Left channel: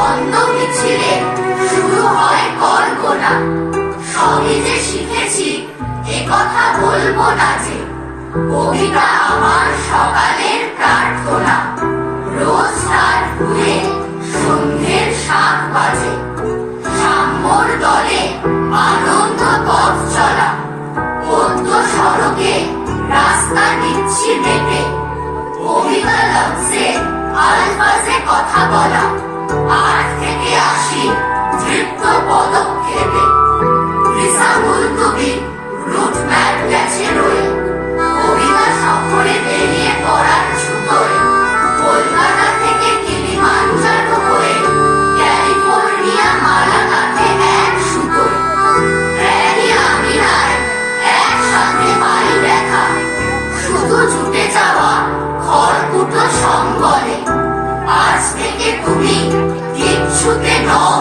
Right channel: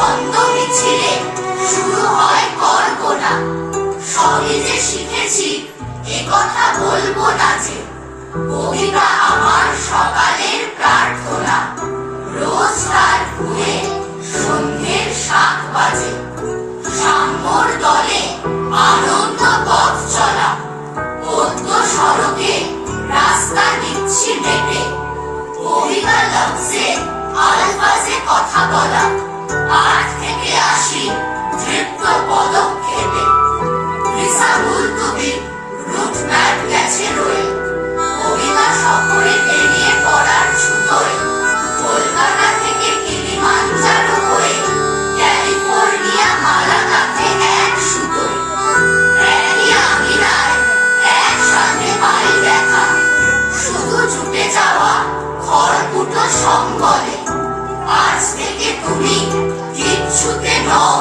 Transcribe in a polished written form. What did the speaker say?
ছন্দ মিছিলে শুরু হয় কল্পনা। সবই যে শিখেছি এ কথা বলবো না যে, কবিতা আমার সকালের প্রার্থনা। রোজ তার ফুলে সন্ধ্যের 7 বাজে, সাম্যর দলে আনন্দ পথ চলা, পদ্ম সড়কে রাস্তা দিচ্ছি মেপে, কবিতা লফজে আলফাজে কথা বলা, আট থেকে 80 তৃপ্ত পদক্ষেপে। রিসাবুল কবি রুট ম্যাপ গেছে রয়ে, কবিতা সফরে বেরিয়ে পড়ার ছুতোয়, কলকাতা থেকে কিলিমাঞ্জারো হয়ে ক্যালিফোর্নিয়া মালাকাতে এক সুতোয়। র্যাডিয়া আমিরার একসাথে পাই দেখা, শুধু ছুটে যাওয়া খড়কুটো সম্বলে। আজ থেকে তুমি কিচ্ছুতে নও